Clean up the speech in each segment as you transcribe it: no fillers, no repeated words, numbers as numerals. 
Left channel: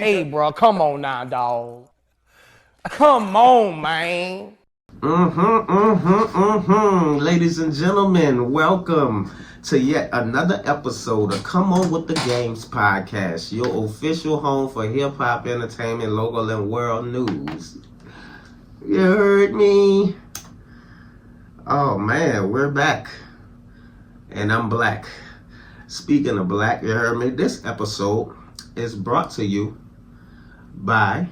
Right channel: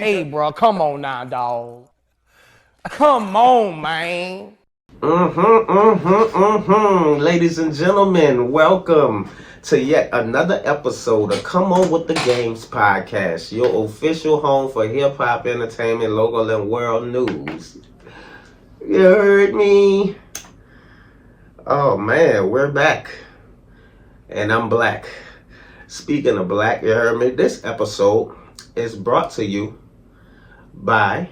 Hey, bro, come on now, dog. Come on, man. Ladies and gentlemen, welcome to yet another episode of Come On With The Games podcast, your official home for hip-hop entertainment, local and world news. You heard me? Oh man, we're back. And I'm black. Speaking of black, you heard me? This episode is brought to you by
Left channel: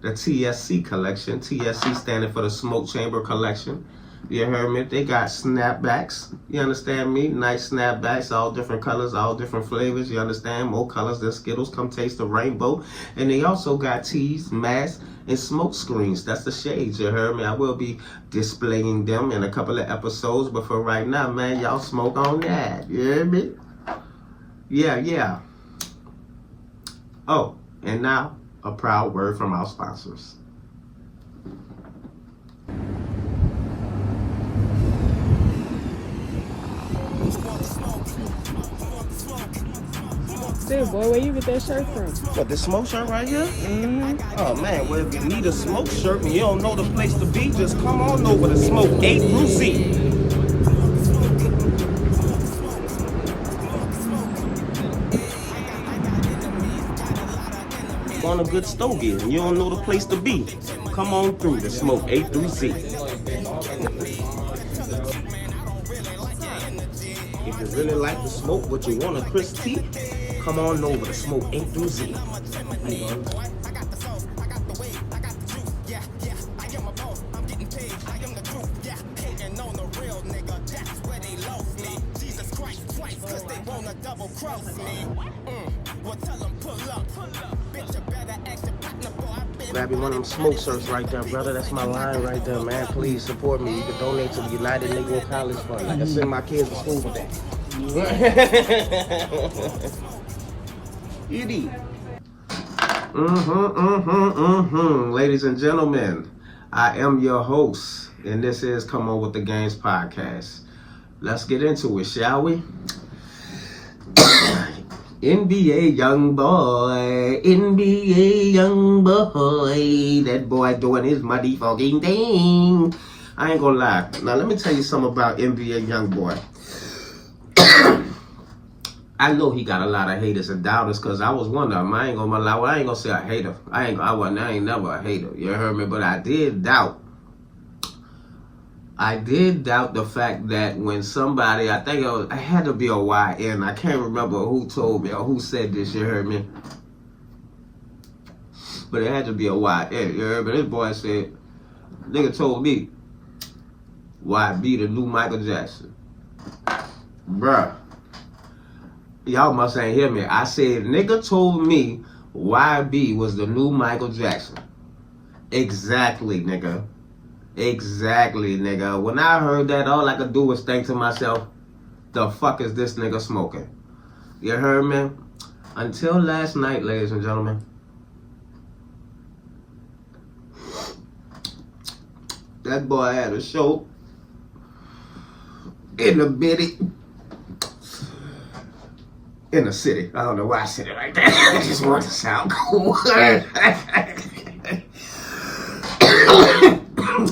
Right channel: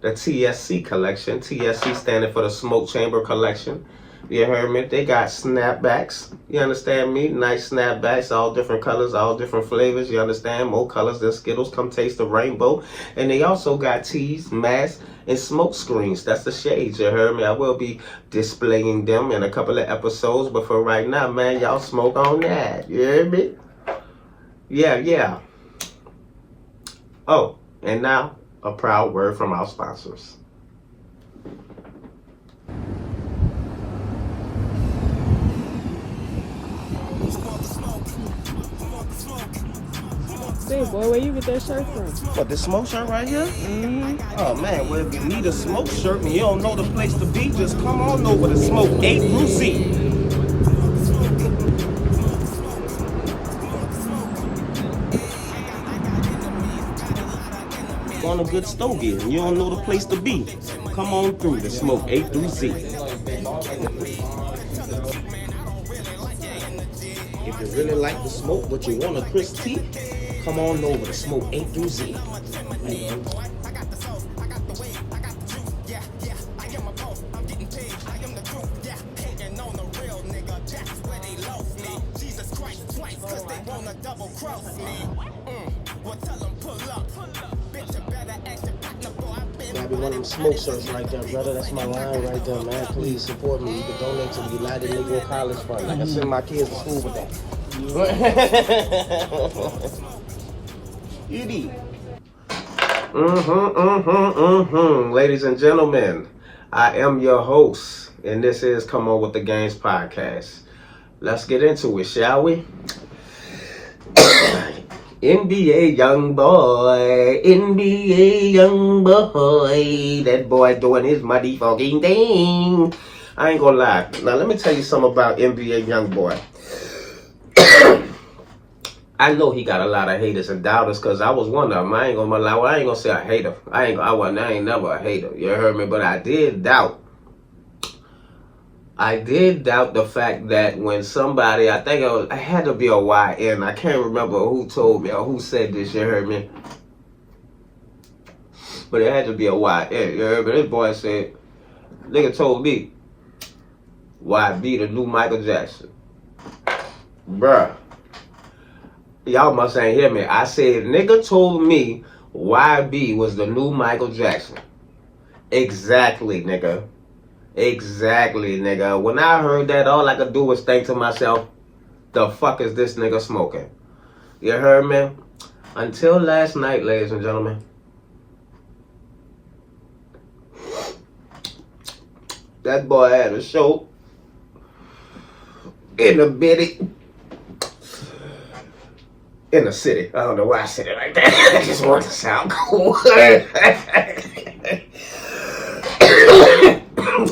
the TSC collection. TSC standing for the Smoke Chamber Collection. You heard me? They got snapbacks. You understand me? Nice snapbacks, all different colors, all different flavors. You understand? More colors than Skittles. Come taste the rainbow. And they also got tees, masks, and smoke screens. That's the shades. You heard me? I will be displaying them in a couple of episodes. But for right now, man, y'all smoke on that. You heard me? Yeah. Oh, and now a proud word from our sponsors. Say, boy, where you get that shirt from? What, this smoke shirt right here? Oh man, well if you need a smoke shirt and you don't know the place to be, just come on over to Smoke A through Z. On a good stogie and you don't know the place to be, come on through to Smoke A through Z. If you really like to smoke but you want a crisp tea, come on over to Smoke A through Z. Grab me one of them smoke shirts right there, brother. That's my line right there, man. Please support me. You can donate to the United Negro College Fund. I can send my kids to school with that. Edie. Ladies and gentlemen, I am your host, and this is Come On With The Games podcast. Let's get into it, shall we? NBA young boy, that boy doing his muddy fucking thing. I ain't gonna lie. Now let me tell you something about NBA young boy. I know he got a lot of haters and doubters, cause I was one of them. I ain't gonna lie. Well, I ain't gonna say a hater. I ain't never a hater. You heard me? But I did doubt the fact that when somebody, I think it had to be a YN, I can't remember who told me or who said this, you heard me? But it had to be a YN, you heard me? This boy said, nigga told me, YB the new Michael Jackson. Bruh, y'all must ain't hear me. I said, nigga told me YB was the new Michael Jackson. Exactly, nigga. Exactly, nigga. When I heard that, all I could do was think to myself, the fuck is this nigga smoking? You heard me? Until last night, ladies and gentlemen. That boy had a show in the bitty. In the city. I don't know why I said it like that. I just want to sound cool.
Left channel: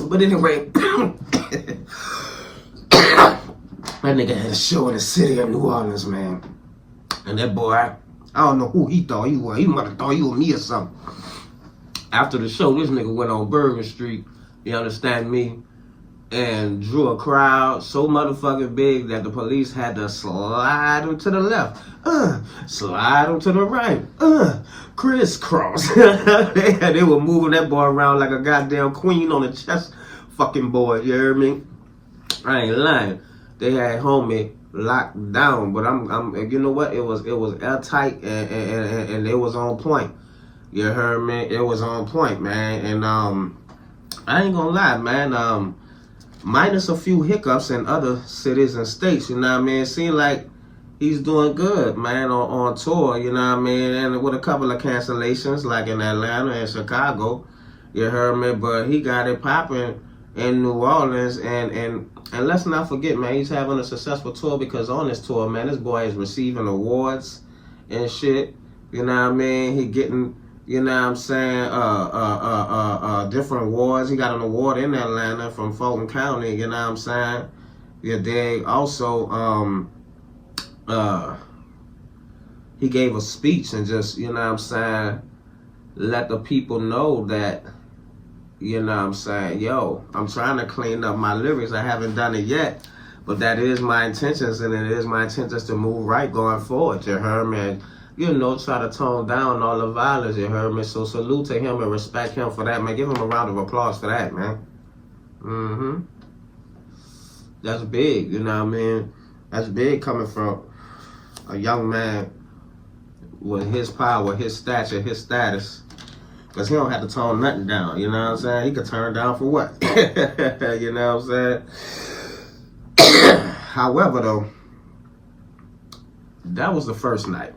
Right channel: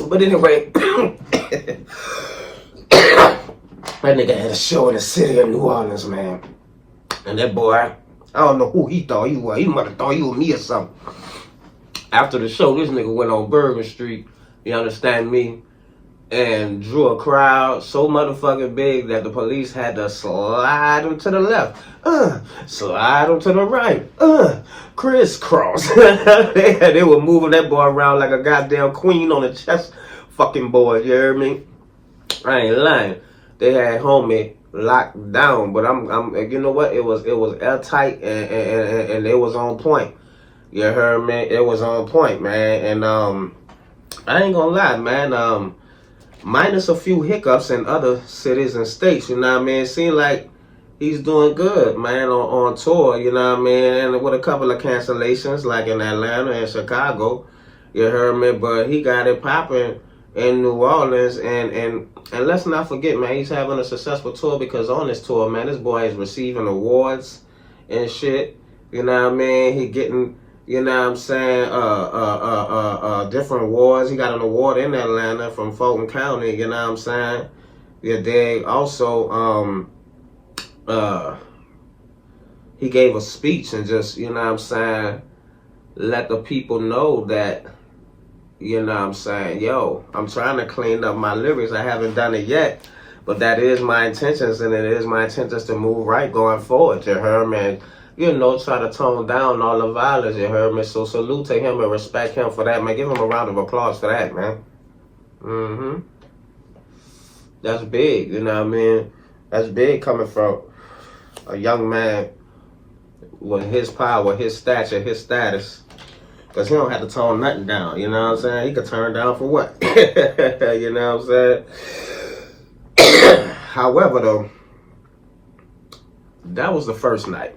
But anyway, that nigga had a show in the city of New Orleans, man. And that boy, I don't know who he thought he was. He might have thought he was me or something. After the show, this nigga went on Bergen Street, you understand me, and drew a crowd so motherfucking big that the police had to slide him to the left, slide him to the right, crisscross. They were moving that boy around like a goddamn queen on a chess fucking board, you heard me? I ain't lying. They had homie locked down, but I'm you know what? It was airtight and it was on point. You heard me? It was on point, man. And I ain't gonna lie, man. Minus a few hiccups in other cities and states, you know what I mean? It seemed like he's doing good, man, on tour, you know what I mean? And with a couple of cancellations, like in Atlanta and Chicago, you heard me? But he got it popping in New Orleans, and let's not forget, man, he's having a successful tour, because on this tour, man, this boy is receiving awards and shit, you know what I mean? He getting You know what I'm saying? Different awards. He got an award in Atlanta from Fulton County. You know what I'm saying? Yeah, they also he gave a speech and just, you know what I'm saying, let the people know that, you know what I'm saying, yo, I'm trying to clean up my lyrics. I haven't done it yet, but that is my intentions, and it is my intentions to move right going forward. You heard me? You know, try to tone down all the violence. You heard me? So salute to him and respect him for that, man. Give him a round of applause for that, man. That's big, you know what I mean? That's big coming from a young man with his power, his stature, his status. Because he don't have to tone nothing down, you know what I'm saying? He could turn down for what? You know what I'm saying? However, though, that was the first night.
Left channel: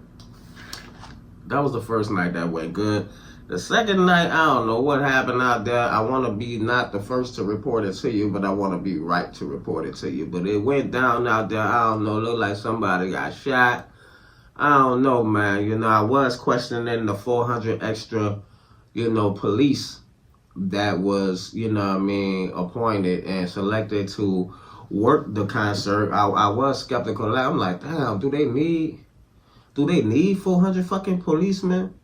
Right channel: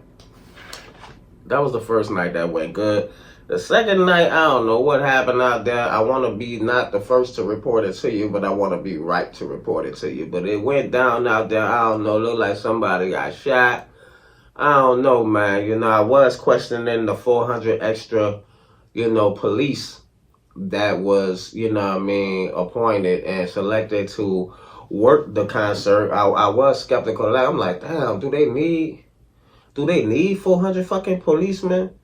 That was the first night that went good. The second night, I don't know what happened out there. I want to be not the first to report it to you, but I want to be right to report it to you. But it went down out there, I don't know, looked like somebody got shot. I don't know, man. You know, I was questioning the 400 extra, you know, police that was, you know what I mean, appointed and selected to work the concert. I was skeptical of that. I'm like, damn, do they need 400 fucking policemen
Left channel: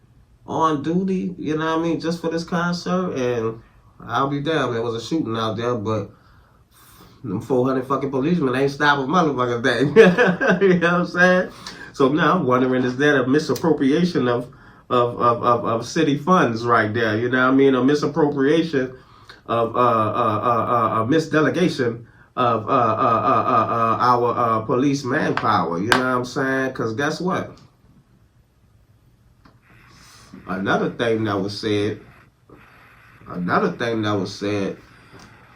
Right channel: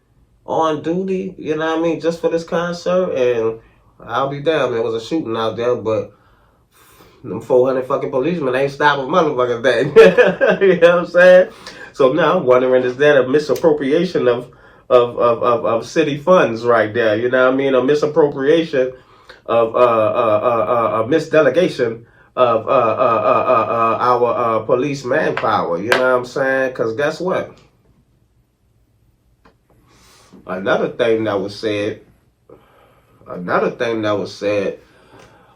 on duty, you know what I mean, just for this concert? And I'll be damned, there was a shooting out there, but them 400 fucking policemen ain't stopping motherfuckers that. You know what I'm saying? So now I'm wondering, is that a misappropriation of city funds right there? You know what I mean? A misappropriation of a misdelegation of our police manpower. You know what I'm saying? Because guess what? Another thing that was said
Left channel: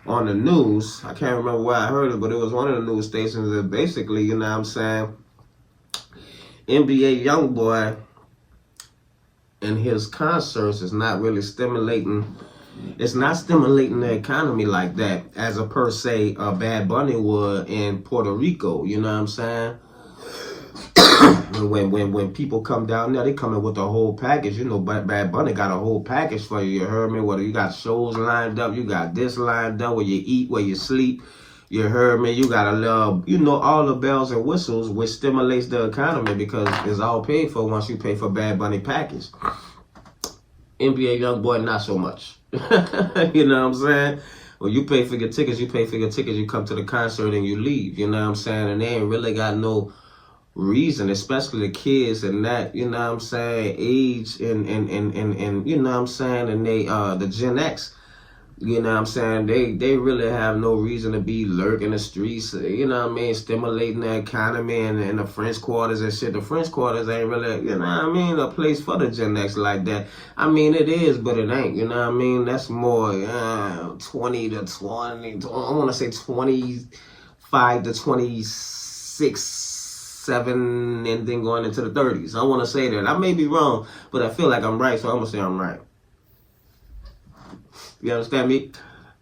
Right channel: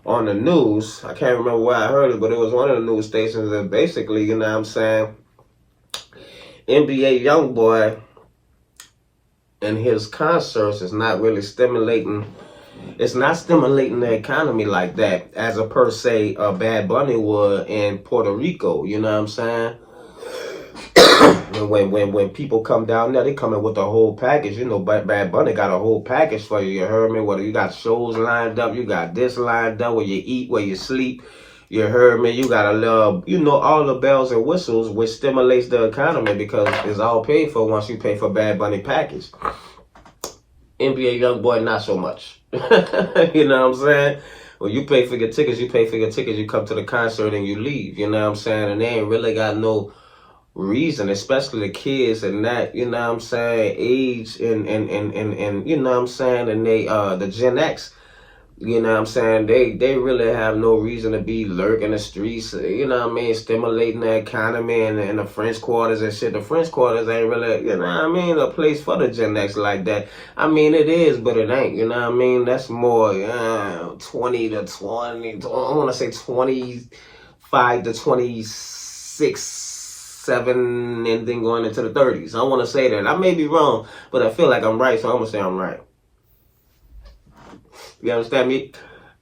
on the news, I can't remember where I heard it, but it was one of the news stations that basically, you know what I'm saying, NBA YoungBoy and his concerts is not really stimulating. It's not stimulating the economy like that as a per se Bad Bunny would in Puerto Rico. You know what I'm saying? when people come down there, they come in with a whole package. You know, Bad Bunny got a whole package for you. You heard me? Whether you got shows lined up, you got this lined up, where you eat, where you sleep. You heard me? You got a little, you know, all the bells and whistles, which stimulates the economy because it's all paid for once you pay for Bad Bunny package. NBA YoungBoy, not so much. You know what I'm saying? Well, you pay for your tickets, you come to the concert and you leave. You know what I'm saying? And they ain't really got no reason, especially the kids and that, you know what I'm saying, age and you know what I'm saying, and they the Gen X, you know what I'm saying, they really have no reason to be lurking the streets, you know what I mean, stimulating the economy and the French quarters and shit. The French quarters ain't really, you know what I mean, a place for the Gen X like that. I mean, it is, but it ain't, you know what I mean. That's more 20 to 20, I want to say 25 to 26, 7, and then going into the 30s. I want to say that. I may be wrong, but I feel like I'm right, so I'm going to say I'm right. You understand me?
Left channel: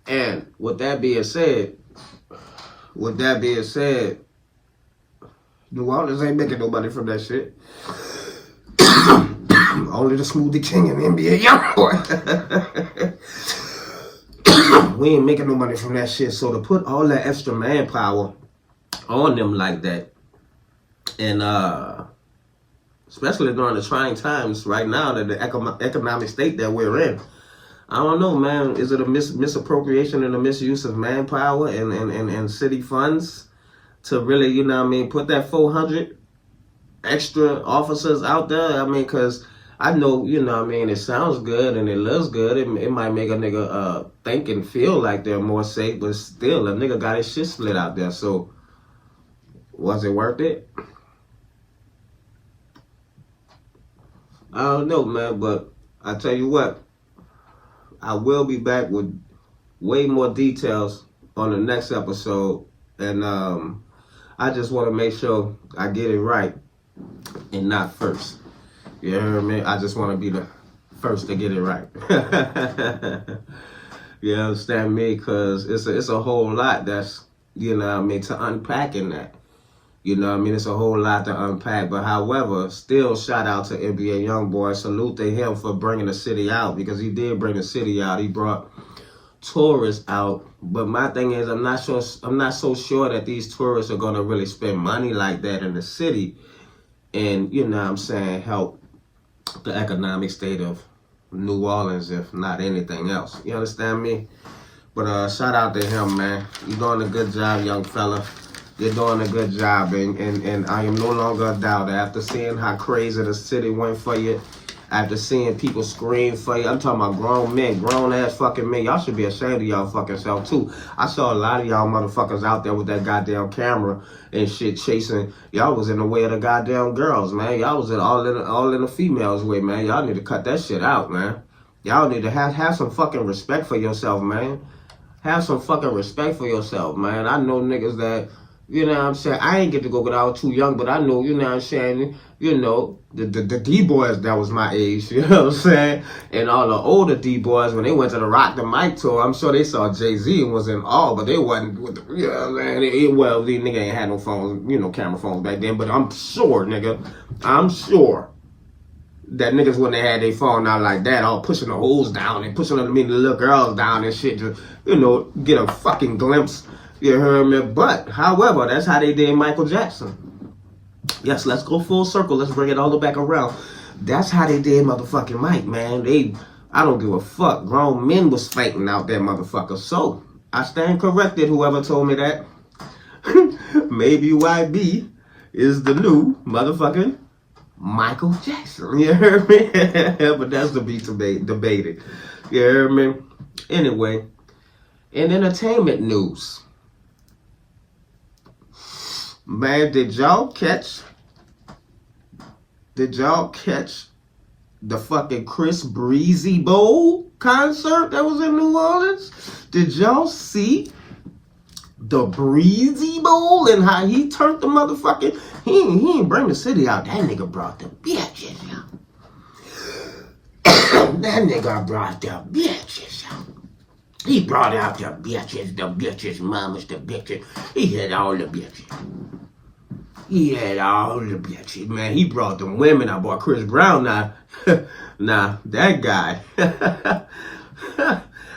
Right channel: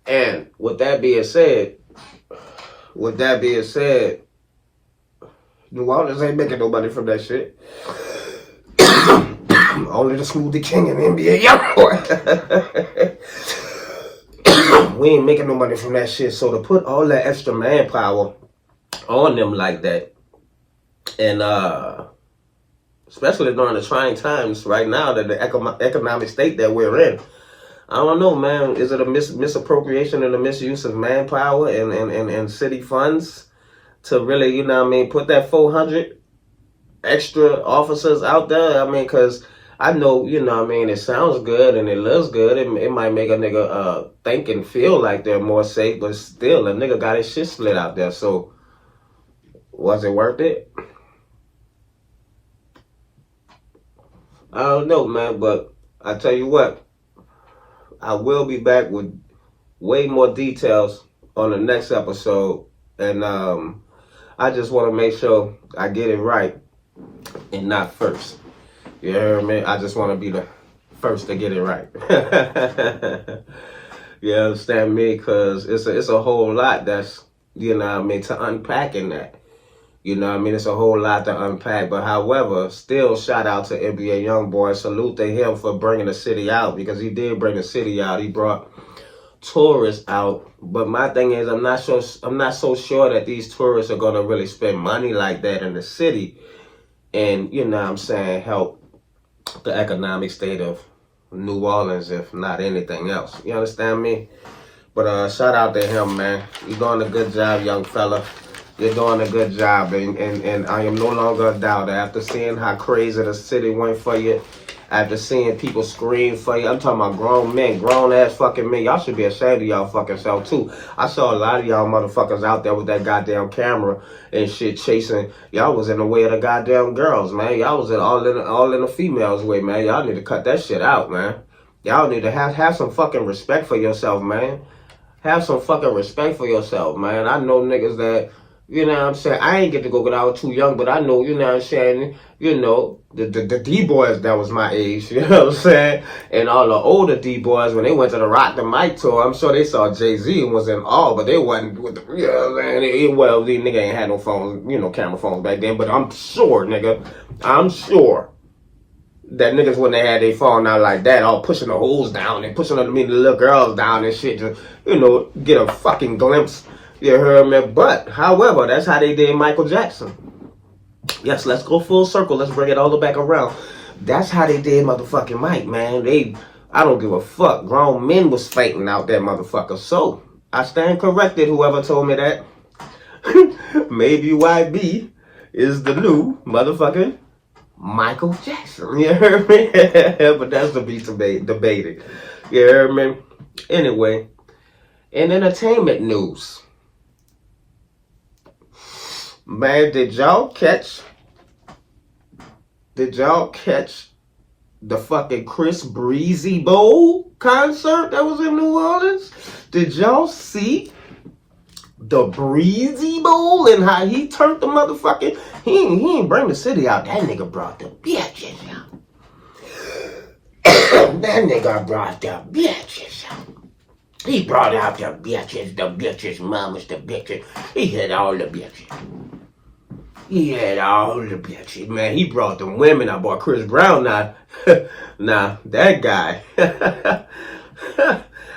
And with that being said, New Orleans ain't making no money from that shit. Only the Smoothie King and the NBA YoungBoy. We ain't making no money from that shit. So to put all that extra manpower on them like that, and especially during the trying times right now, that the economic state that we're in, I don't know, man. Is it a misappropriation and a misuse of manpower and city funds to really, you know what I mean, put that 400 extra officers out there? I mean, because I know, you know what I mean, it sounds good and it looks good. It might make a nigga think and feel like they're more safe, but still, a nigga got his shit split out there. So, was it worth it? I don't know, man, but I tell you what, I will be back with way more details on the next episode, and I just want to make sure I get it right and not first. You heard me? I just want to be the first to get it right. You understand me? Because it's a whole lot that's, you know what I mean, to unpack in that. You know what I mean? It's a whole lot to unpack. But however, still shout out to NBA Youngboy. Salute to him for bringing the city out, because he did bring the city out. He brought tourists out. But my thing is, I'm not so sure that these tourists are gonna really spend money like that in the city and, you know what I'm saying, help the economic state of New Orleans, if not anything else. You understand me? But shout out to him, man. You're doing a good job, young fella. You're doing a good job, and I am no longer a doubter. After seeing how crazy the city went for you, after seeing people scream for you, I'm talking about grown men, grown-ass fucking men. Y'all should be ashamed of y'all fucking self, too. I saw a lot of y'all motherfuckers out there with that goddamn camera and shit chasing. Y'all was in the way of the goddamn girls, man. Y'all was all in the females' way, man. Y'all need to cut that shit out, man. Y'all need to have some fucking respect for yourself, man. Have some fucking respect for yourself, man. I know niggas that, you know what I'm saying, I ain't get to go because I was too young, but I know, you know what I'm saying, you know, the D-boys that was my age, you know what I'm saying, and all the older D-boys, when they went to the Rock the Mic tour, I'm sure they saw Jay-Z and was in awe, but they wasn't with the, you know what I'm saying, well, these nigga ain't had no phones, you know, camera phones back then, but I'm sure that niggas when they had their phone out like that, all pushing the holes down and pushing the little girls down and shit, just, you know, get a fucking glimpse. You heard me? But, however, that's how they did Michael Jackson. Yes, let's go full circle. Let's bring it all the back around. That's how they did motherfucking Mike, man. I don't give a fuck. Grown men was fighting out that motherfucker. So, I stand corrected, whoever told me that. Maybe YB is the new motherfucking Michael Jackson. You heard me? But that's to be debated. You heard me? Anyway, in entertainment news, man, did y'all catch the fucking Chris Breezy Bowl concert that was in New Orleans? Did y'all see the Breezy Bowl and how he turned the motherfucking, he ain't bring the city out. That nigga brought the bitches out. That nigga brought the bitches out. He brought out the bitches, mamas, the bitches. He had all the bitches. He had all the bitches, man. He brought the women. I bought Chris Brown now. Nah, that guy.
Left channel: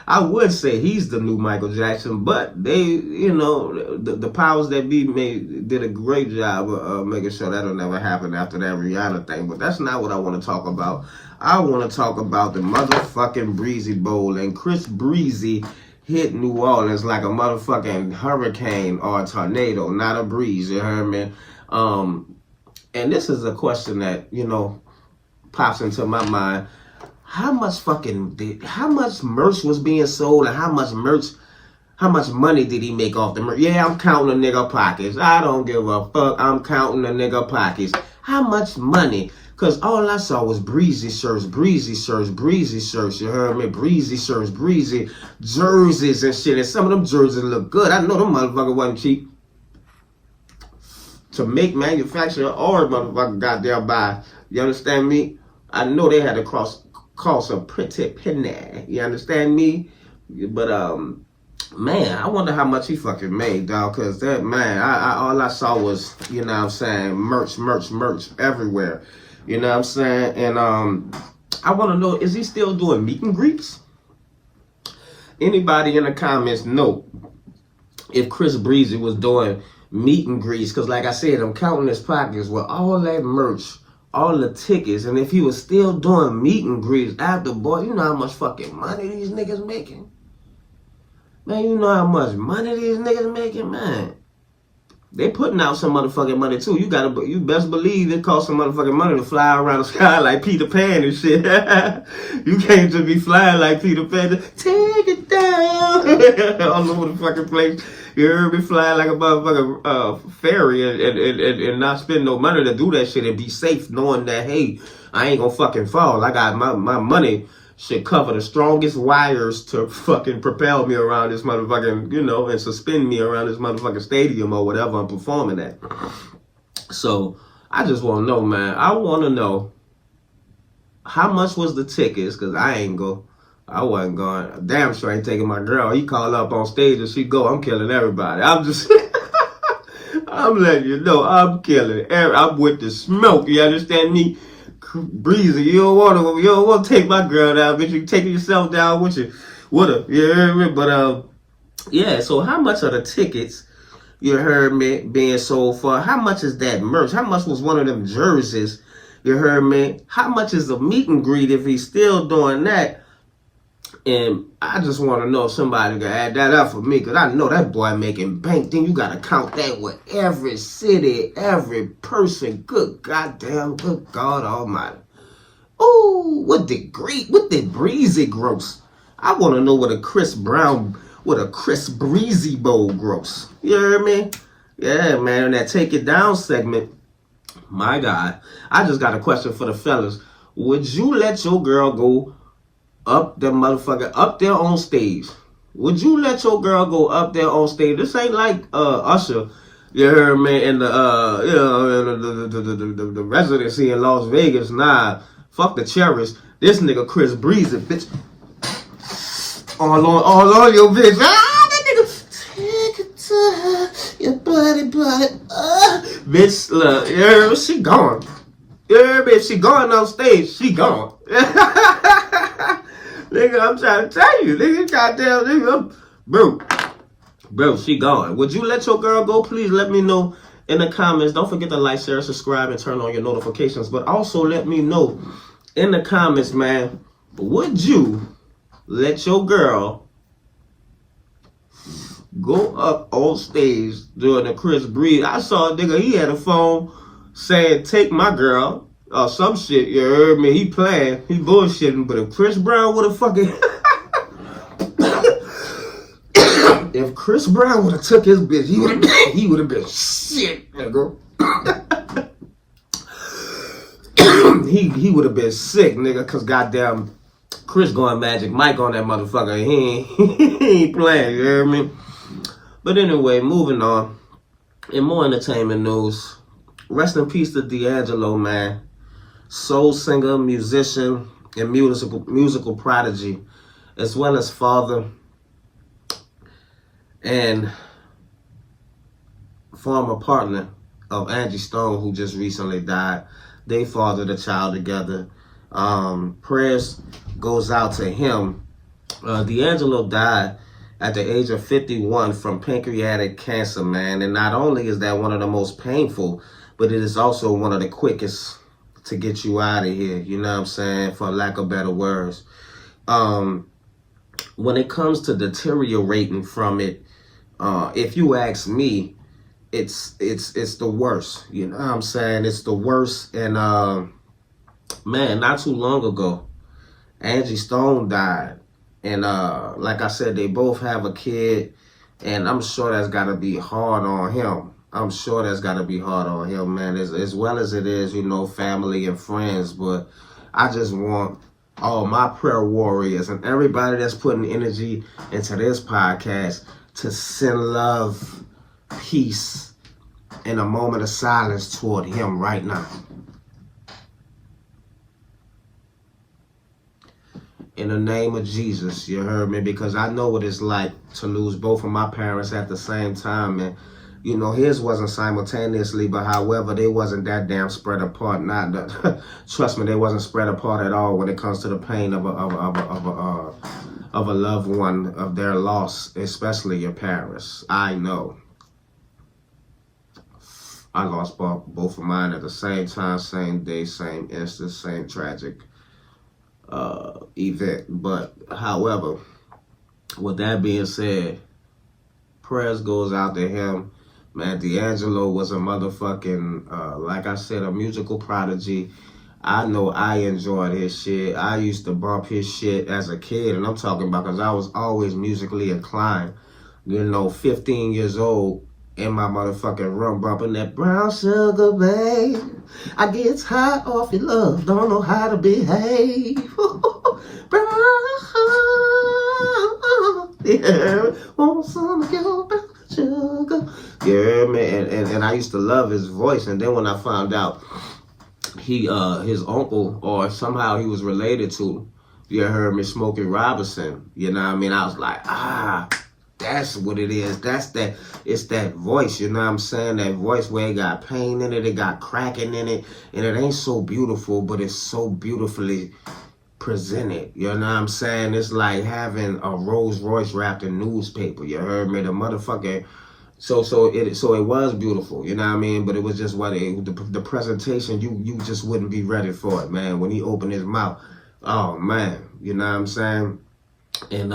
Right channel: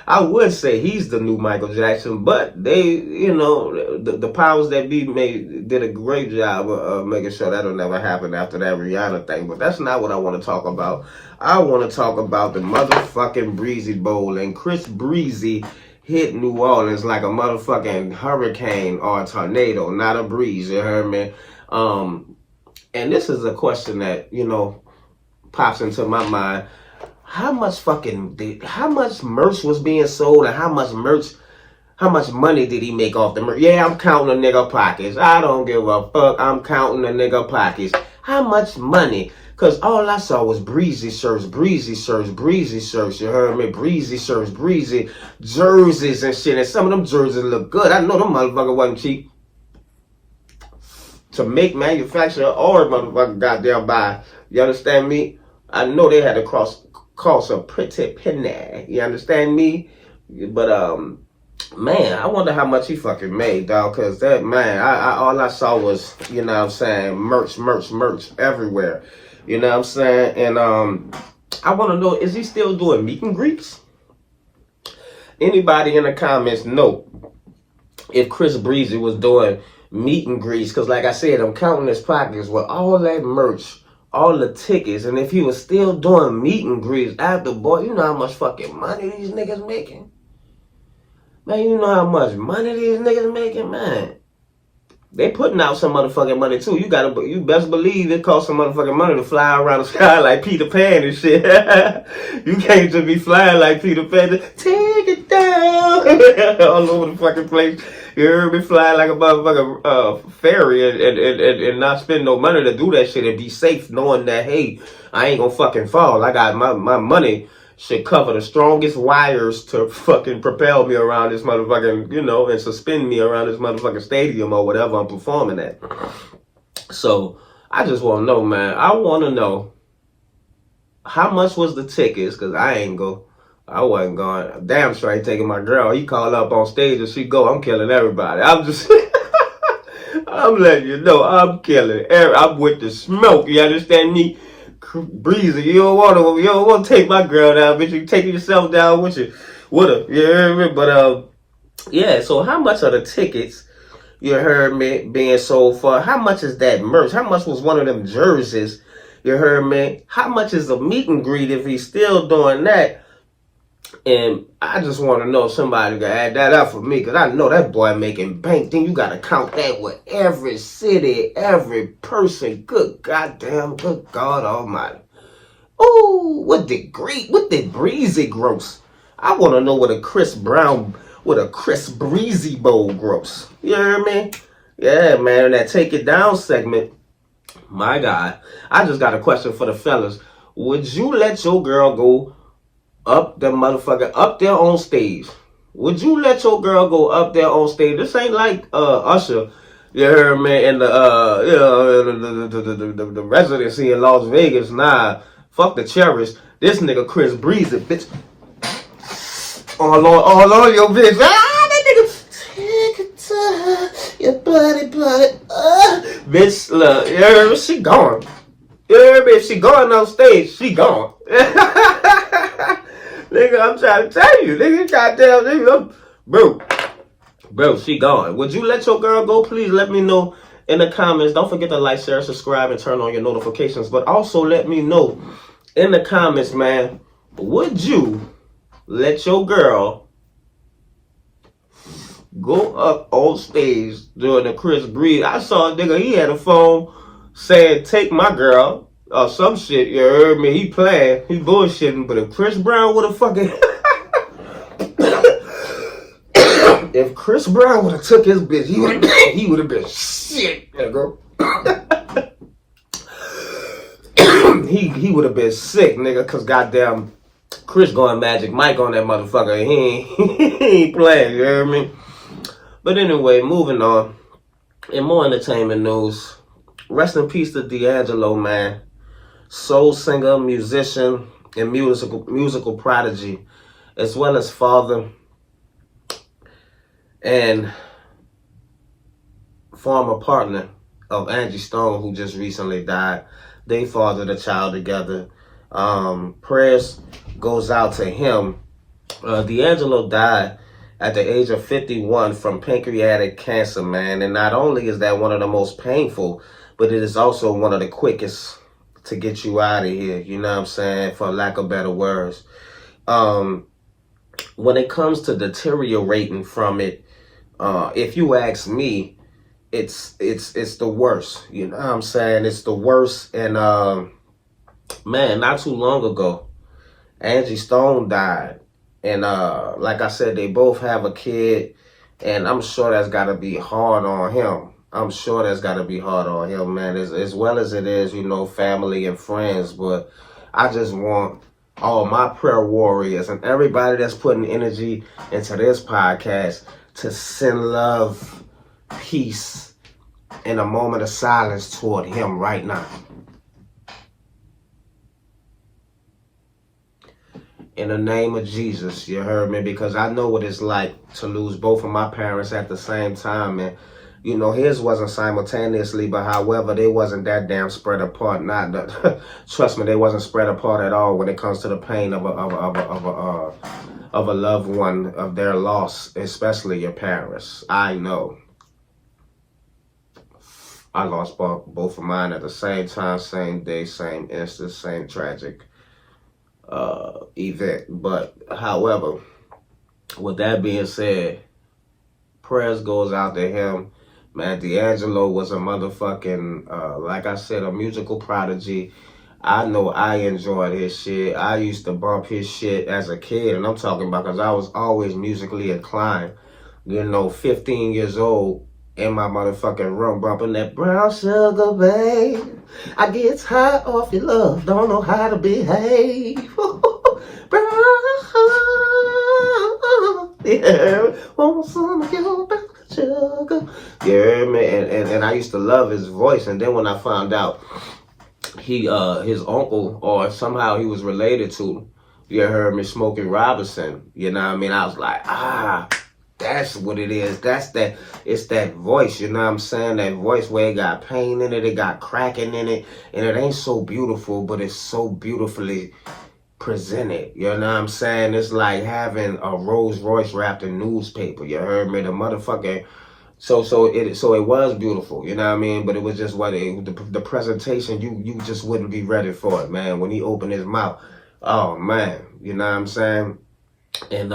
I would say he's the new Michael Jackson, but they, you know, the powers that be did a great job of making sure that'll never happen after that Rihanna thing. But that's not what I want to talk about. I want to talk about the motherfucking Breezy Bowl, and Chris Breezy hit New Orleans like a motherfucking hurricane or a tornado, not a breeze, you heard me? And this is a question that, you know, pops into my mind. How much merch was being sold, and how much money did he make off the merch? Yeah, I'm counting the nigga pockets. I don't give a fuck. I'm counting the nigga pockets. How much money? Because all I saw was Breezy shirts, Breezy shirts, Breezy shirts. You heard me? Breezy shirts, Breezy jerseys and shit. And some of them jerseys look good. I know them motherfuckers wasn't cheap to make, manufacture, or motherfucker goddamn buy. You understand me? I know they had to cost a pretty penny. You understand me? But man, I wonder how much he fucking made, dog. Cause that man, all I saw was, you know what I'm saying, merch everywhere. You know what I'm saying? And I want to know, is he still doing meet and greets? Anybody in the comments know if Chris Breezy was doing meet and greets? Cause like I said, I'm counting his pockets with all that merch, all the tickets, and if he was still doing meet and greets after, boy, you know how much fucking money these niggas making? Man, you know how much money these niggas making, man. They putting out some motherfucking money too. You best believe it costs some motherfucking money to fly around the sky like Peter Pan and shit. You can't just be flying like Peter Pan. Take it down all over the fucking place. You heard me? Flying like a motherfucking fairy and not spend no money to do that shit and be safe, knowing that, hey, I ain't gonna fucking fall. I got my money should cover the strongest wires to fucking propel me around this motherfucking, you know, and suspend me around this motherfucking stadium or whatever I'm performing at. So I just want to know, man. I want to know how much was the tickets, because I wasn't going. Damn sure I ain't taking my girl. He called up on stage and she go, I'm killing everybody. I'm just I'm letting you know, I'm killing. I'm with the smoke. You understand me? Breezy, you don't want to take my girl down, bitch. You taking yourself down with you, with her. You heard me? But yeah. So how much are the tickets? You heard me being sold for? How much is that merch? How much was one of them jerseys? You heard me? How much is the meet and greet if he's still doing that? And I just want to know if somebody can add that up for me, because I know that boy making bank. Then you got to count that with every city, every person. Good goddamn, good God almighty. Ooh, what did Breezy gross? I want to know what a Chris Breezy Bowl gross. You heard me? Yeah, man, in that Take It Down segment, my God, I just got a question for the fellas. Would you let your girl go up there on stage? Would you let your girl go up there on stage? This ain't like Usher, you heard me, and the residency in Las Vegas. Nah, fuck the Cherish. This nigga Chris Breezy, bitch. All on your bitch. That nigga. Take it to your buddy. Bitch, look, you heard me? She gone. You heard me? If she going on stage, she gone. Nigga, I'm trying to tell you. Nigga, goddamn, nigga. Bro, she gone. Would you let your girl go? Please let me know in the comments. Don't forget to like, share, subscribe, and turn on your notifications. But also let me know in the comments, man, would you let your girl go up on stage during the Chris Breezy? I saw a nigga, he had a phone saying, take my girl, or some shit, you heard me? He playing, he bullshitting, but if Chris Brown would have fucking... if Chris Brown would have took his bitch, he would have been sick, nigga. he would have been sick, nigga, because goddamn Chris going Magic Mike on that motherfucker, and he ain't playing, you hear me? But anyway, moving on. In more entertainment news, rest in peace to D'Angelo, man. Soul singer, musician, and musical prodigy, as well as father and former partner of Angie Stone, who just recently died. They fathered a child together. Prayers goes out to him. D'Angelo died at the age of 51 from pancreatic cancer, man. And not only is that one of the most painful, but it is also one of the quickest to get you out of here. You know what I'm saying? For lack of better words. When it comes to deteriorating from it, if you ask me, it's the worst. You know what I'm saying? It's the worst. And man, not too long ago, Angie Stone died. And like I said, they both have a kid, and I'm sure that's got to be hard on him. I'm sure that's got to be hard on him, man, as well as it is, you know, family and friends. But I just want all my prayer warriors and everybody that's putting energy into this podcast to send love, peace, and a moment of silence toward him right now. In the name of Jesus, you heard me? Because I know what it's like to lose both of my parents at the same time. And, you know, his wasn't simultaneously, but however, they wasn't that damn spread apart. Trust me, they wasn't spread apart at all when it comes to the pain of a loved one, of their loss, especially your parents. I know. I lost both of mine at the same time, same day, same instant, same tragic event. But however, with that being said, prayers goes out to him, man. D'Angelo was a motherfucking like I said, a musical prodigy. I know I enjoyed his shit. I used to bump his shit as a kid, and I'm talking about because I was always musically inclined. You know, 15 years old, in my motherfucking room, bumping that brown sugar, babe. I get high off your love, don't know how to behave. Brown sugar, yeah, want some of your brown sugar. Yeah, man, and I used to love his voice, and then when I found out his uncle, or somehow he was related to, you heard me, Smokey Robinson, you know what I mean? I was like, That's what it is. It's that voice, you know what I'm saying? That voice where it got pain in it, it got cracking in it, and it ain't so beautiful, but it's so beautifully presented. You know what I'm saying? It's like having a Rolls Royce wrapped in newspaper. You heard me? The motherfucking so it was beautiful, you know what I mean? But it was just the presentation, you just wouldn't be ready for it, man. When he opened his mouth, oh man, you know what I'm saying? And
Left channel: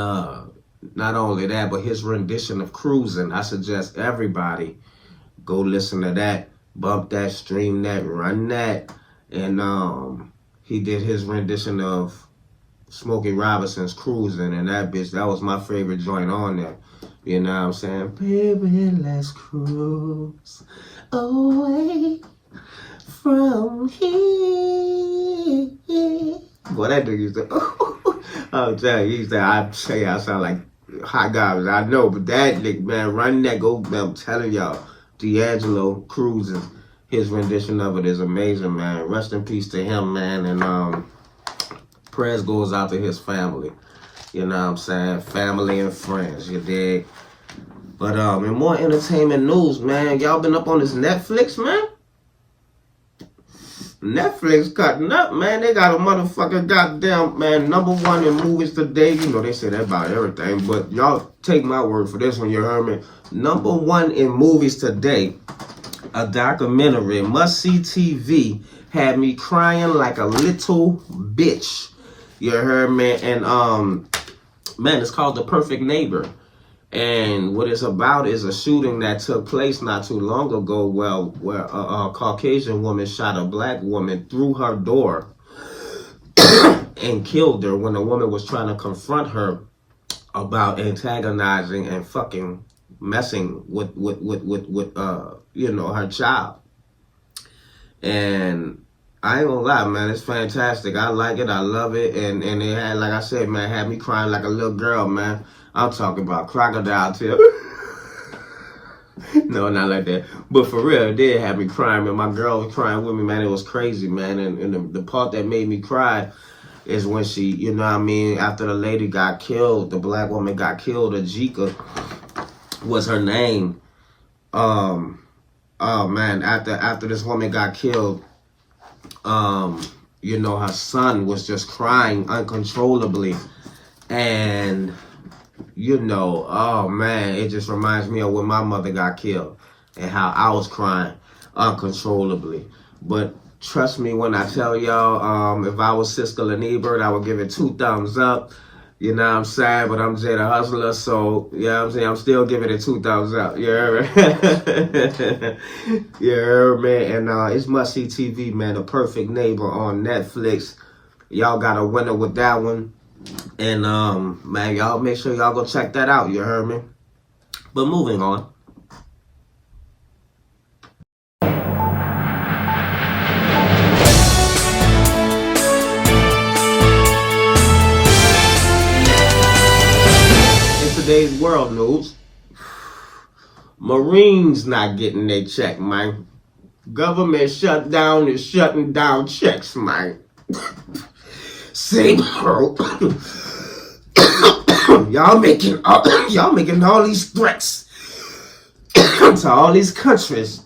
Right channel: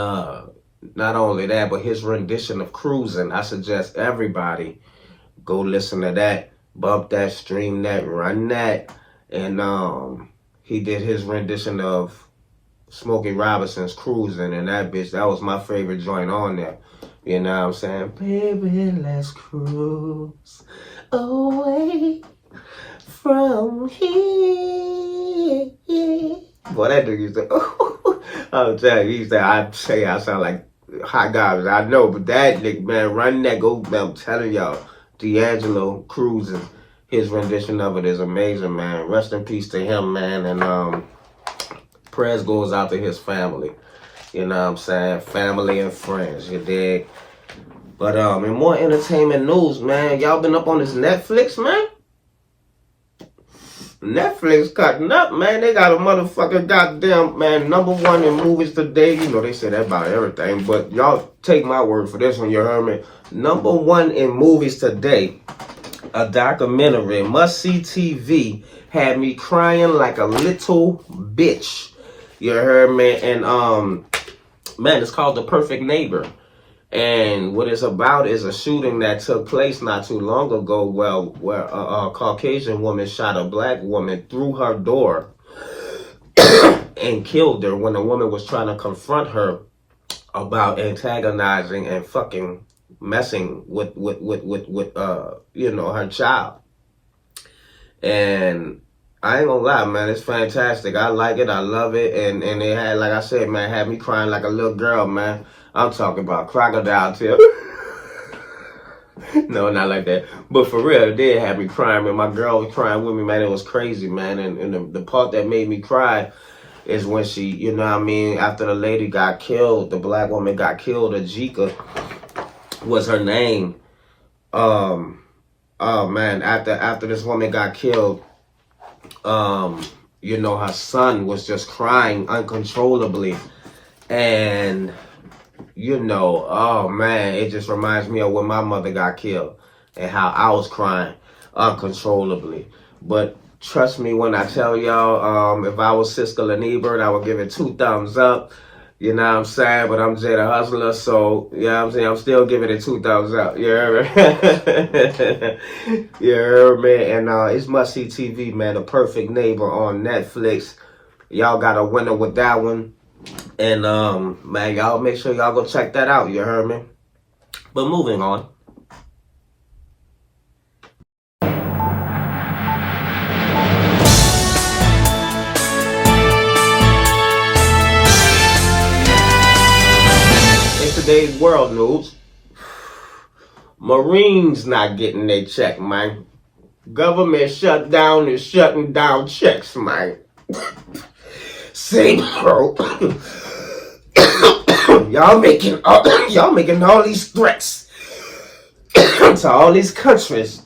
not only that, but his rendition of Cruising, I suggest everybody go listen to that, bump that, stream that, run that. And he did his rendition of Smokey Robinson's Cruising, and that was my favorite joint on there. You know what I'm saying? Baby, let's cruise away from here. Boy, that nigga used to, I'm telling you, I sound like hot garbage. I know, but that nigga, man, run that, I'm telling y'all, D'Angelo Cruising, his rendition of it is amazing, man. Rest in peace to him, man, and prayers goes out to his family. You know what I'm saying? Family and friends, you dig? But in more entertainment news, man, y'all been up on this Netflix, man? Netflix cutting up, man. They got a motherfucker goddamn, man, #1 in movies today. You know, they say that about everything, but y'all take my word for this one, you heard me? #1 in movies today, a documentary, must-see TV, had me crying like a little bitch. You heard me? And, man, it's called The Perfect Neighbor. And what it's about is a shooting that took place not too long ago where a Caucasian woman shot a black woman through her door and killed her when the woman was trying to confront her about antagonizing and fucking messing with you know, her child. And I ain't gonna lie, man, it's fantastic. I like it, I love it, and it had, like I said, man, had me crying like a little girl, man. I'm talking about crocodile tears. No, not like that. But for real, it did have me crying, man. My girl was crying with me, man. It was crazy, man. And the part that made me cry is when she, you know what I mean, after the lady got killed, the black woman got killed, Ajika was her name. Oh man, after this woman got killed, you know, her son was just crying uncontrollably. And, you know, oh man, it just reminds me of when my mother got killed and how I was crying uncontrollably. But trust me when I tell y'all, if I was Siskel and Ebert, I would give it 2 thumbs up. You know what I'm saying? But I'm Jay the Hustler, so, you know what I'm saying? I'm still giving it 2 thumbs up. You heard me? You heard me? And it's must-see TV, man. The Perfect Neighbor on Netflix. Y'all got a winner with that one. And, man, y'all make sure y'all go check that out. You heard me? But moving on. Today's world news, Marines not getting their check, man. Government shutdown is shutting down checks, man. See, bro, y'all making all these threats to all these countries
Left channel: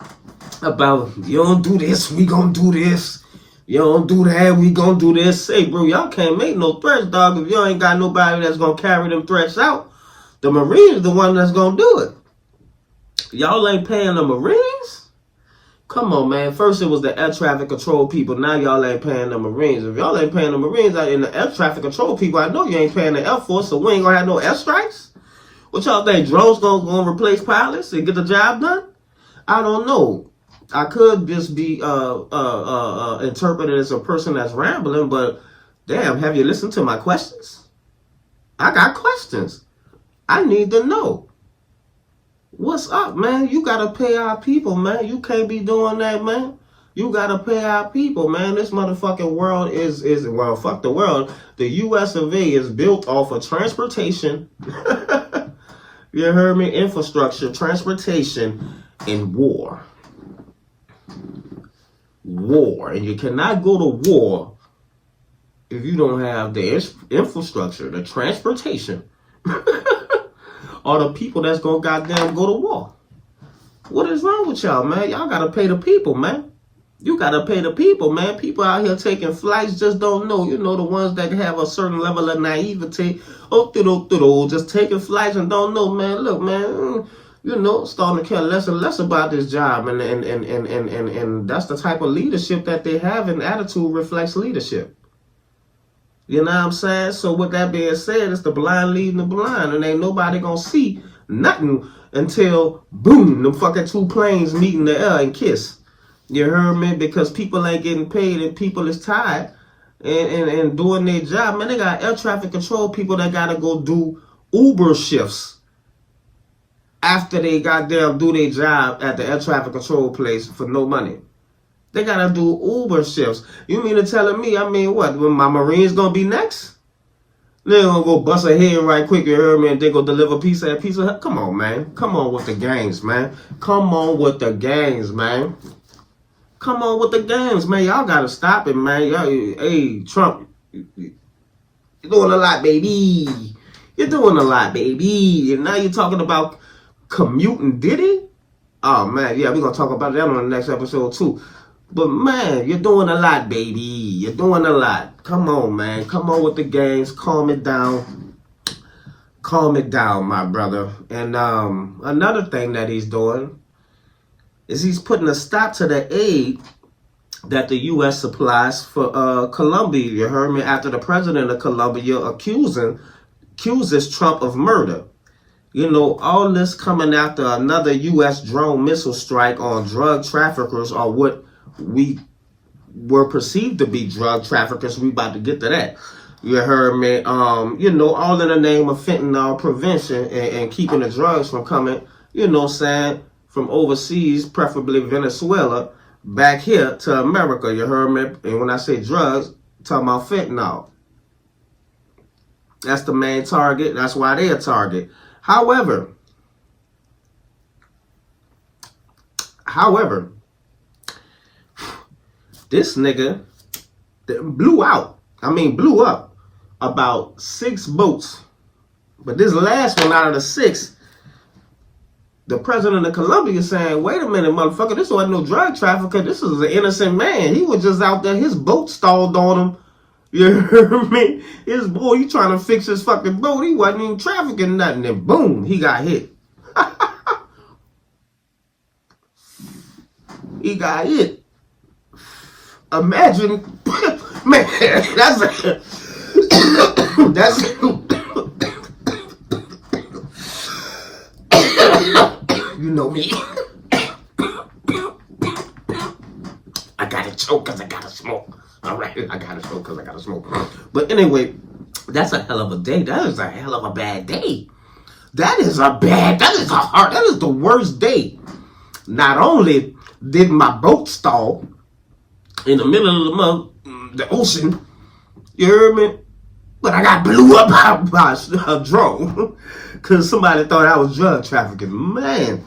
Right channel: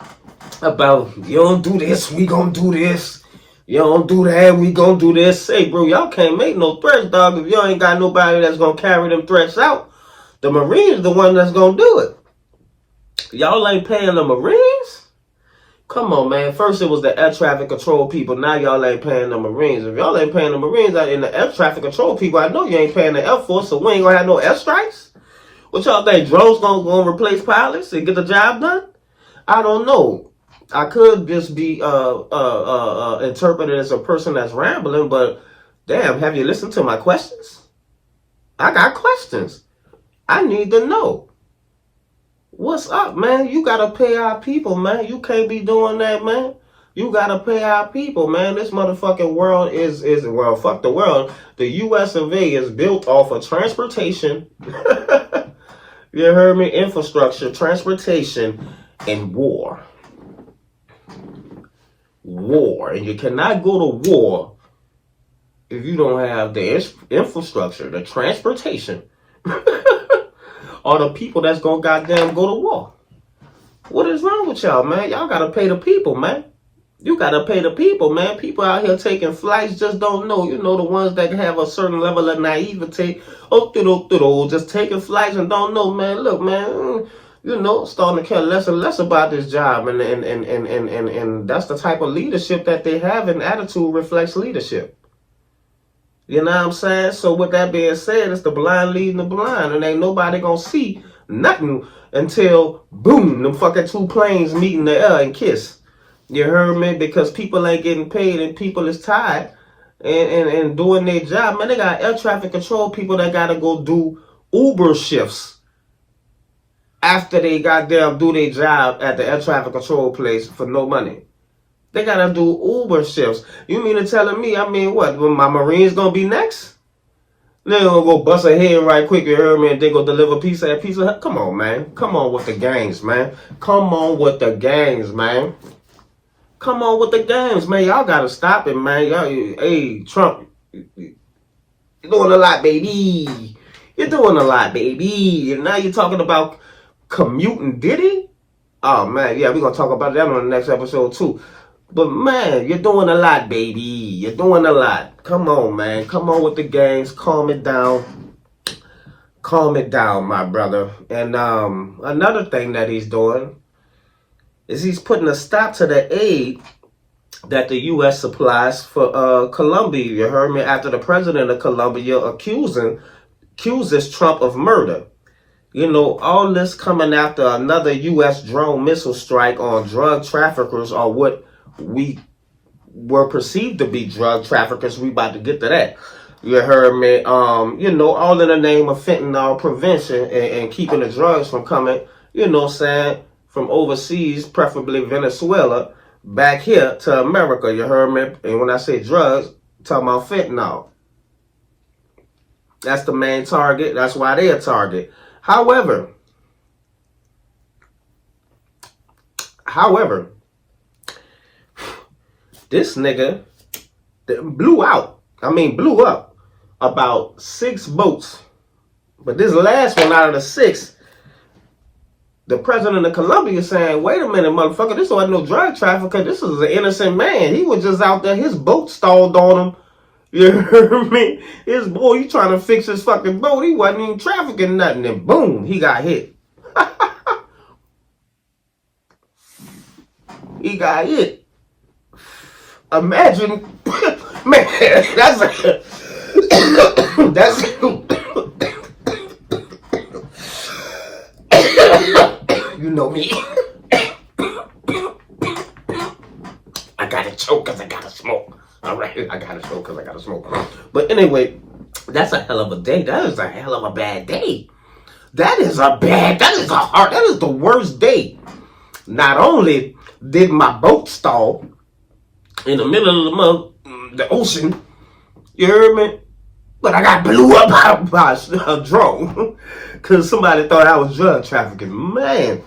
about you don't do this, we gonna do this. You don't do that, we gonna do this. Say, bro, y'all can't make no threats, dog, if y'all ain't got nobody that's gonna carry them threats out. The Marines the one that's gonna do it. Y'all ain't paying the Marines? Come on, man. First it was the air traffic control people. Now y'all ain't paying the Marines. If y'all ain't paying the Marines in the air traffic control people, I know you ain't paying the Air Force, so we ain't gonna have no airstrikes? What y'all think? Drones gonna replace pilots and get the job done? I don't know. I could just be interpreted as a person that's rambling, but damn, have you listened to my questions? I got questions. I need to know. What's up, man? You gotta pay our people, man. You can't be doing that, man. You gotta pay our people, man. This motherfucking world is well, fuck the world. The US of A is built off of transportation. You heard me? Infrastructure, transportation, and war. War. And you cannot go to war if you don't have the infrastructure, the transportation, are the people that's gonna goddamn go to war. What is wrong with y'all, man? Y'all gotta pay the people, man. You gotta pay the people, man. People out here taking flights just don't know. You know, the ones that have a certain level of naivete. Just taking flights and don't know, man. Look, man, you know, starting to care less and less about this job. And that's the type of leadership that they have, and attitude reflects leadership. You know what I'm saying? So with that being said, it's the blind leading the blind, and ain't nobody gonna see nothing until, boom, them fucking two planes meet in the air and kiss. You heard me? Because people ain't getting paid and people is tired and doing their job. Man, they got air traffic control people that got to go do Uber shifts after they goddamn do their job at the air traffic control place for no money. They got to do Uber shifts. You mean to telling me, I mean, what, my Marines going to be next? They gonna go bust a head right quick, you heard me, and then go deliver pizza. Come on, man. Come on with the gangs, man. Come on with the gangs, man. Come on with the games, man. Y'all gotta stop it, man. Y'all, hey, Trump, you're doing a lot, baby. You're doing a lot, baby. And now you're talking about commuting Diddy? Oh, man, yeah, we're gonna talk about that on the next episode, too. But, man, you're doing a lot, baby. You're doing a lot. Come on, man. Come on with the games. Calm it down. Calm it down, my brother. And another thing that he's doing is he's putting a stop to the aid that the U.S. supplies for Colombia. You heard me? After the president of Colombia accuses Trump of murder. You know, all this coming after another U.S. drone missile strike on drug traffickers, or what we were perceived to be drug traffickers. We about to get to that. You heard me? You know, all in the name of fentanyl prevention and keeping the drugs from coming, you know what I'm saying, from overseas, preferably Venezuela, back here to America. You heard me? And when I say drugs, I'm talking about fentanyl. That's the main target. That's why they're a target. However, this nigga blew up about 6 boats. But this last one out of the 6, the president of Colombia saying, wait a minute, motherfucker, this wasn't no drug trafficker. This is an innocent man. He was just out there. His boat stalled on him. You heard me? His boy, you trying to fix his fucking boat. He wasn't even trafficking nothing. And boom, he got hit. He got hit. Imagine, man, that's you know me. I gotta choke because I gotta smoke. All right, I gotta choke because I gotta smoke. But anyway, that's a hell of a day. That is a hell of a bad day. That is the worst day. Not only did my boat stall in the middle of the ocean, you heard me? But I got blew up by a drone because somebody thought I was drug trafficking. Man,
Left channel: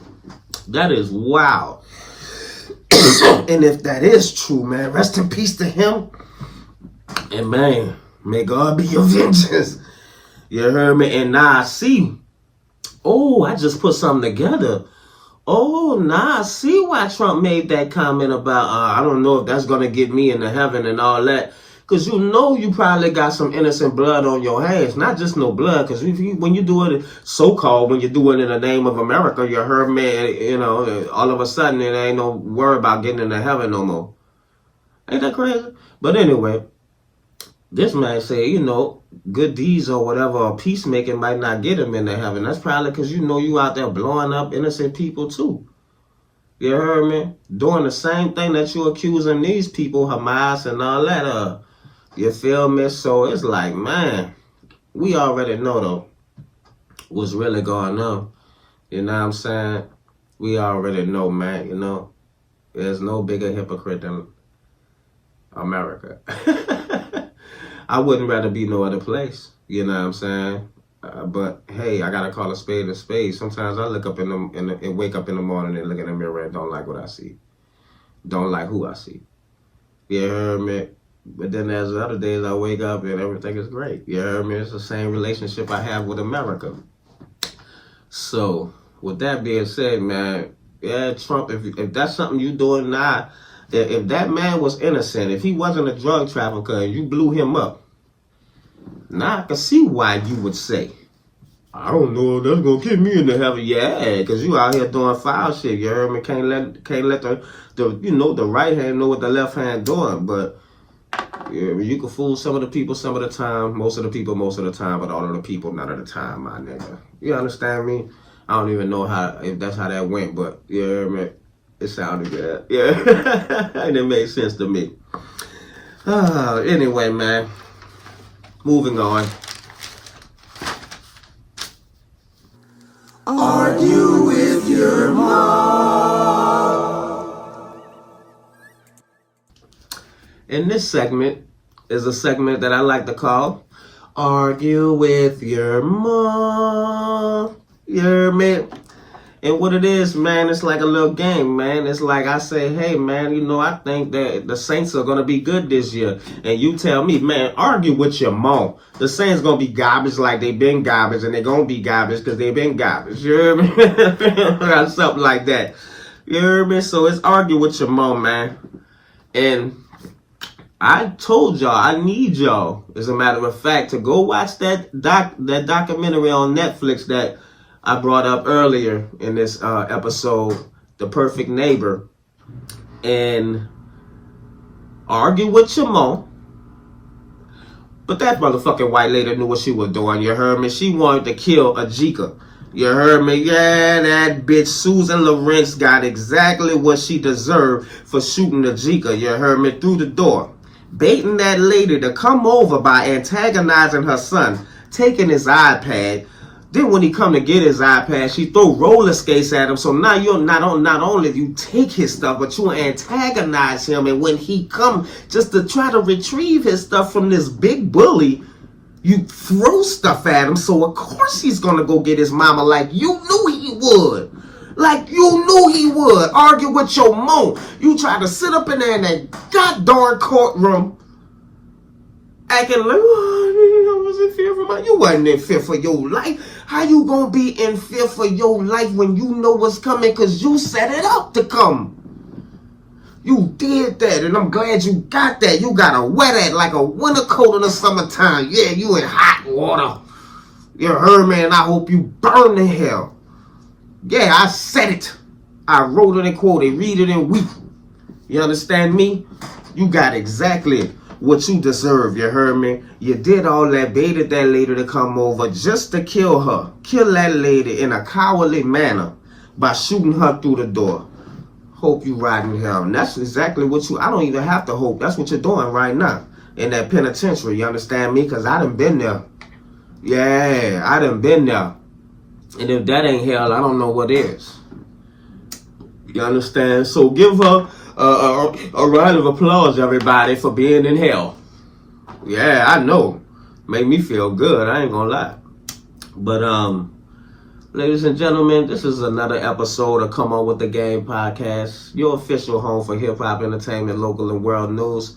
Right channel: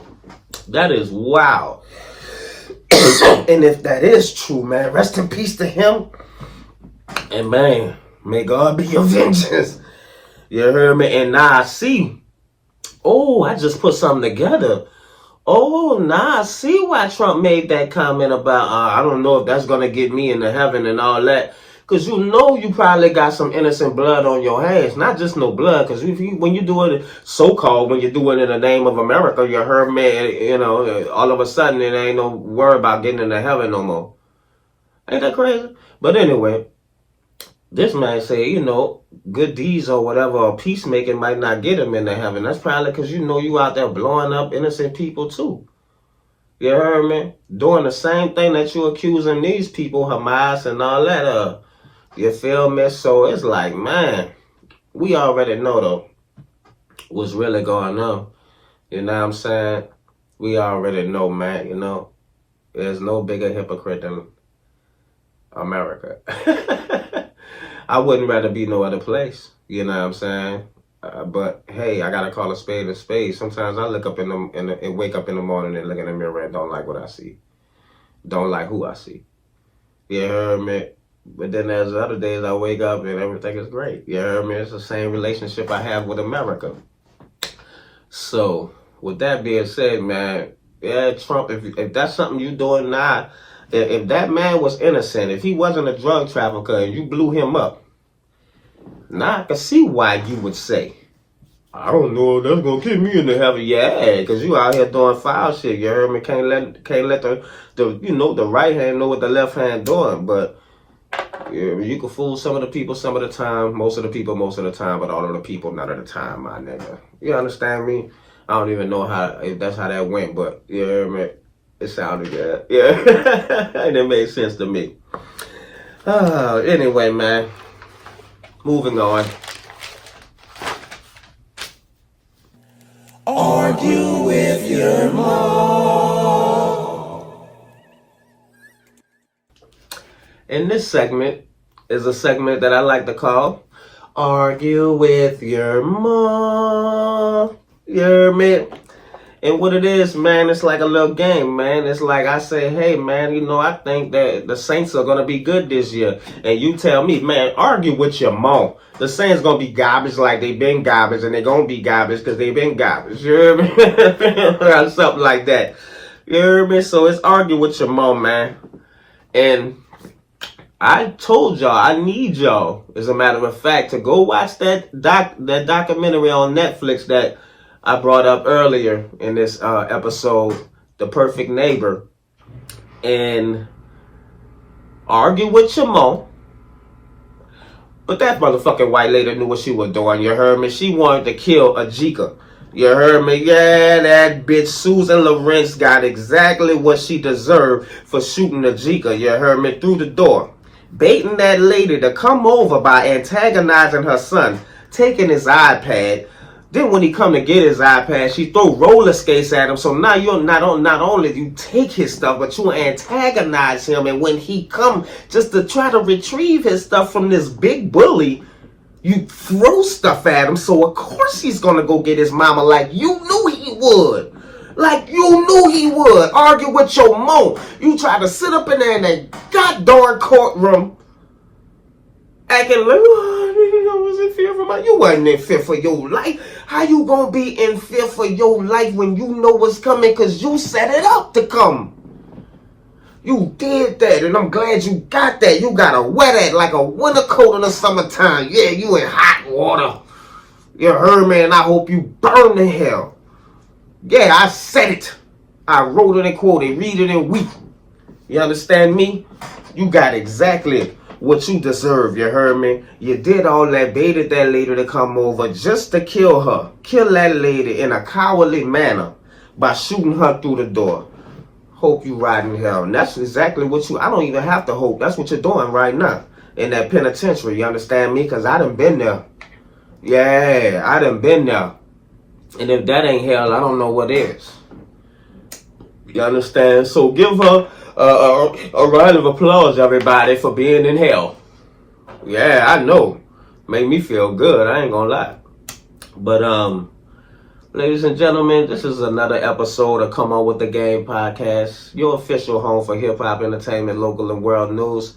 that is wild. And if that is true, man, rest in peace to him. And man, may God be your vengeance. You heard me? And now I see. Oh, I just put something together. Oh, now I see why Trump made that comment about, I don't know if that's going to get me into heaven and all that. Because you know you probably got some innocent blood on your hands. Not just no blood. Because when you do it, so-called, when you do it in the name of America, you heard me, you know, all of a sudden it ain't no worry about getting into heaven no more. Ain't that crazy? But anyway, this man say, you know, good deeds or whatever, or peacemaking might not get him into heaven. That's probably because you know you out there blowing up innocent people too. You heard me? Doing the same thing that you accusing these people, Hamas and all that. You feel me? So it's like, man, we already know though what's really going on. You know what I'm saying? We already know, man. You know, there's no bigger hypocrite than America. I wouldn't rather be no other place. You know what I'm saying? But hey, I gotta call a spade a spade. Sometimes I look up and wake up in the morning and look in the mirror and don't like what I see. Don't like who I see. You heard me? But then there's other days I wake up and everything is great. You heard me? It's the same relationship I have with America. So, with that being said, man, yeah, Trump, if that's something you doing now, if that man was innocent, if he wasn't a drug trafficker and you blew him up, now I can see why you would say, I don't know if that's gonna get me into heaven. Yeah, because you out here doing foul shit. You heard me? Can't let the right hand know what the left hand doing. But yeah, you can fool some of the people some of the time, most of the people most of the time, but all of the people none of the time, my nigga. You understand me? I don't even know if that's how that went, but you heard me? It sounded good. Yeah, and it made sense to me. Anyway, man, moving on. Argue with your mom. And this segment is a segment that I like to call Argue with Your Mom. You hear me? And what it is, man, it's like a little game, man. It's like I say, hey, man, I think that the Saints are going to be good this year. And you tell me, man, argue with your mom. The Saints going to be garbage like they been garbage, and they going to be garbage because they been garbage. You hear me? Something like that. You hear me? So it's argue with your mom, man. And I told y'all, I need y'all, as a matter of fact, to go watch that documentary on Netflix that I brought up earlier in this episode, The Perfect Neighbor, and argue with your mom. But that motherfucking white lady knew what she was doing, you heard me? She wanted to kill Ajika. You heard me? Yeah, that bitch Susan Lawrence got exactly what she deserved for shooting Ajika, you heard me, through the door. Baiting that lady to come over by antagonizing her son, taking his iPad. Then when he come to get his iPad, she throw roller skates at him. So now you're not only you take his stuff, but you antagonize him. And when he come just to try to retrieve his stuff from this big bully, you throw stuff at him. So of course he's gonna go get his mama like you knew he would. Like you knew he would. Argue with your mom. You try to sit up in there in that goddamn courtroom acting like, I was in fear for you wasn't in fear for your life. How you gonna be in fear for your life when you know what's coming? Because you set it up to come. You did that, and I'm glad you got that. You got to wear that like a winter coat in the summertime. Yeah, you in hot water. You heard me, and I hope you burn to hell. Yeah, I said it. I wrote it and quoted, read it and weep. You understand me? You got exactly what you deserve, you heard me? You did all that, baited that lady to come over just to kill her. Kill that lady in a cowardly manner by shooting her through the door. Hope you ride in hell. And that's exactly what I don't even have to hope. That's what you're doing right now in that penitentiary, you understand me? Because I done been there. Yeah, I done been there. And if that ain't hell, I don't know what is. You understand? So give her a round of applause, everybody, for being in hell. Yeah, I know. Make me feel good. I ain't gonna lie. But ladies and gentlemen, this is another episode of Come On With The Game podcast, your official home for hip-hop entertainment, local and world news.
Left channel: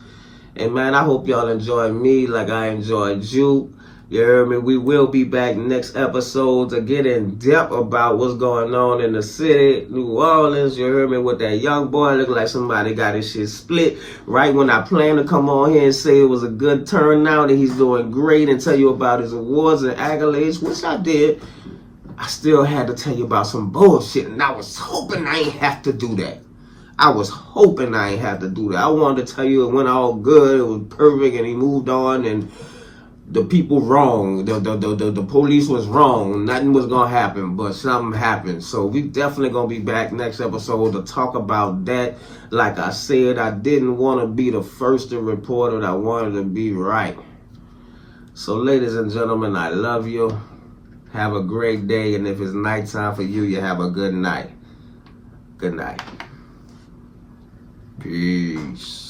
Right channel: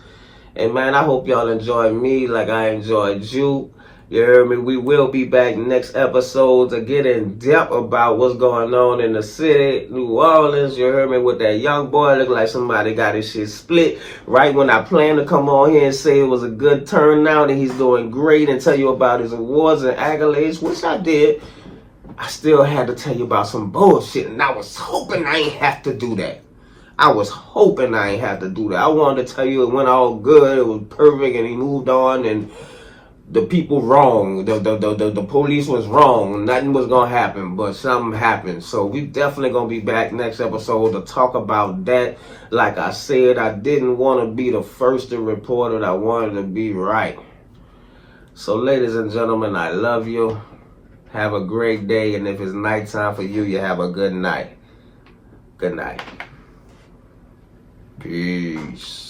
And man, I hope y'all enjoyed me like I enjoyed you. You heard me? We will be back next episode to get in depth about what's going on in the city, New Orleans. You heard me? With that young boy, look like somebody got his shit split. Right when I planned to come on here and say it was a good turnout and he's doing great and tell you about his awards and accolades, which I did, I still had to tell you about some bullshit, and I was hoping I ain't have to do that. I was hoping I ain't have to do that. I wanted to tell you it went all good, it was perfect, and he moved on, and the people wrong, the police was wrong, nothing was gonna happen, but something happened. So we definitely gonna be back next episode to talk about that. Like I said, I didn't want to be the first to report it, I wanted to be right. So ladies and gentlemen, I love you. Have a great day, and if it's nighttime for you, you have a good night. Good night. Peace.